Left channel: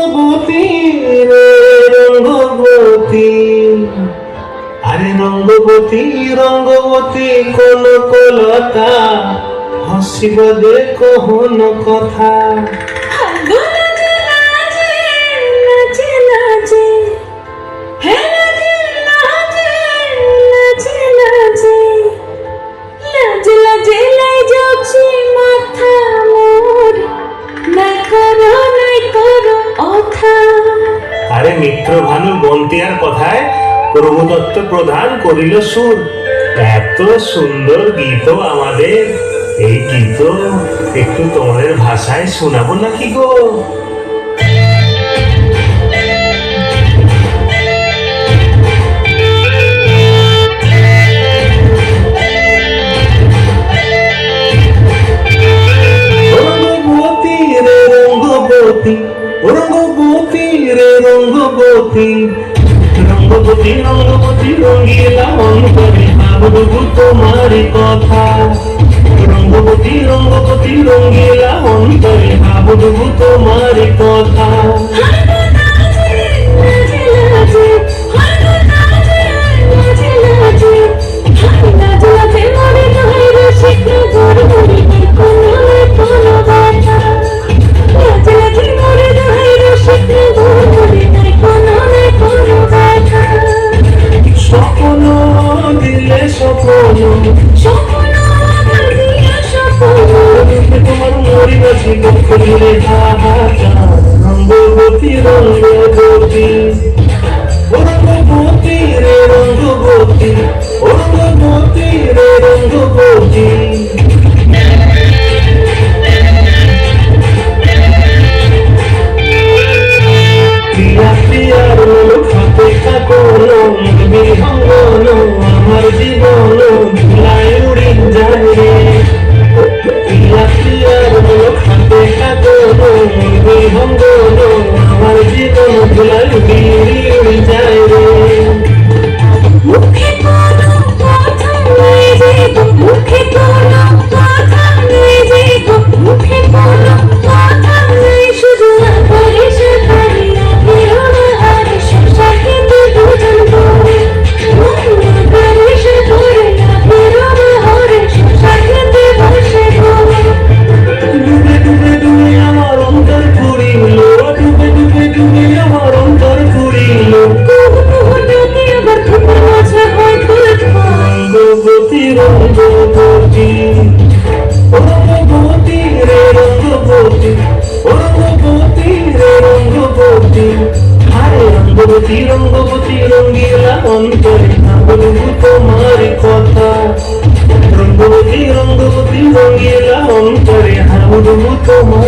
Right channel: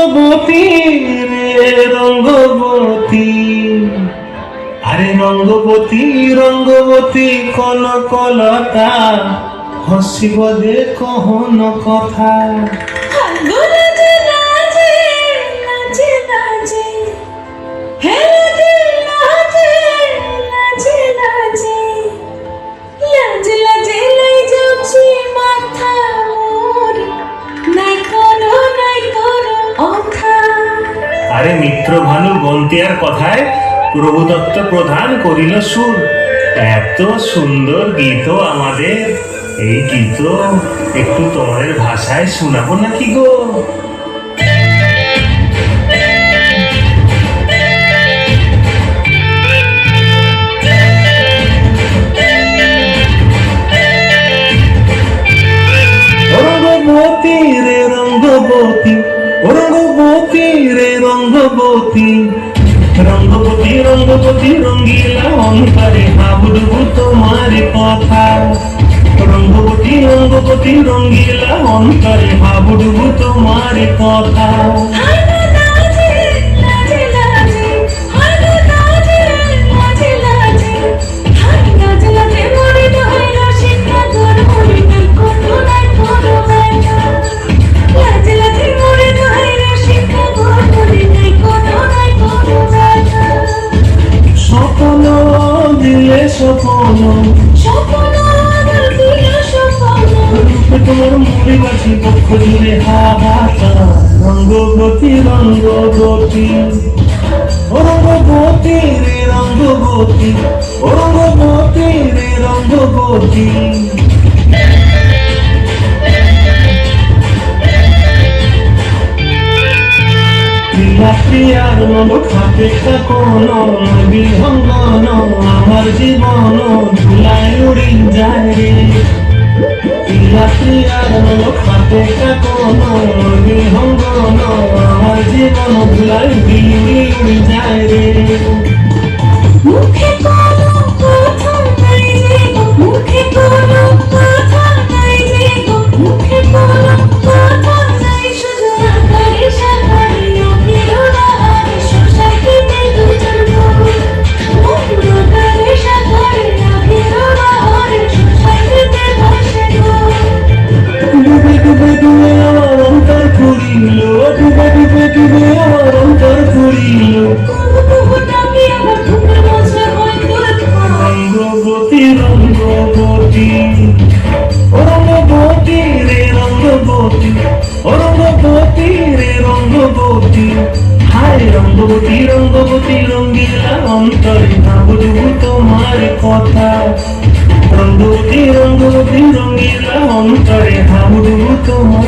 রঙ্গবতী রে রঙ্গবতী, আরে রঙ্গবতী রঙ্গবতী কনকলতা, হসিব যে কহন কথা। আরে মিত্র ভানু বন্তিয়ার কথায় প্রভুদত্ত প্রধান করিল সুর। এত সুন্দর গীত আমাদের, এই গীত একটু তোমাদের ভাষায় শোনাবো নাকি গো? রঙ্গবতী রে রঙ্গবতী, রঙ্গবতী রে রঙ্গবতী, রঙ্গবতী রঙ্গবতী রঙ্গিলা অন্তরে ভাবুক তোমার কথা। রঙ্গবতী রঙ্গবতী রঙ্গিলা অন্তরে ভাবুক তোমার কথা। রঙ্গবতী রঙ্গবতী, রঙ্গবতী রে রঙ্গবতী, রঙ্গবতী রে রঙ্গবতী। প্রিয়া প্রিয়ার মন খাপে খাপন বিহঙ্গন, আমার জীবন ধুলায় উড়ি যায় রে। প্রিয়া প্রিয়ার মন খাপে খাপন বিহঙ্গন, আমার জীবন ধুলায় উড়ি যায় রে। মুখে কোনো কথা নাই যে গো, মুখে কোনো কথা নাই যে গো, মুখে কোনো কথা নাই, শুধু আকারে সাকারে বিরোধা আরে সুসাহিতে দুজন বই। আকারে সাকারে বিরোধা আরে সুসাহিতে ভাসে বই। ডুবে ডুবে ডুবে আমার অন্তর ফুরিল, ডুবে ডুবে ডুবে আমার অন্তর ফুরিল। রঙ্গবতী রঙ্গবতী, রঙ্গবতী রে রঙ্গবতী, রঙ্গবতী রে রঙ্গবতী। হায় রঙ্গবতী রঙ্গবতী রঙ্গিলা অন্তরে ভাবুক তোমার কথা। রঙ্গবতী রঙ্গবতী রঙ্গিলা অন্তরে ভাবুক তোমার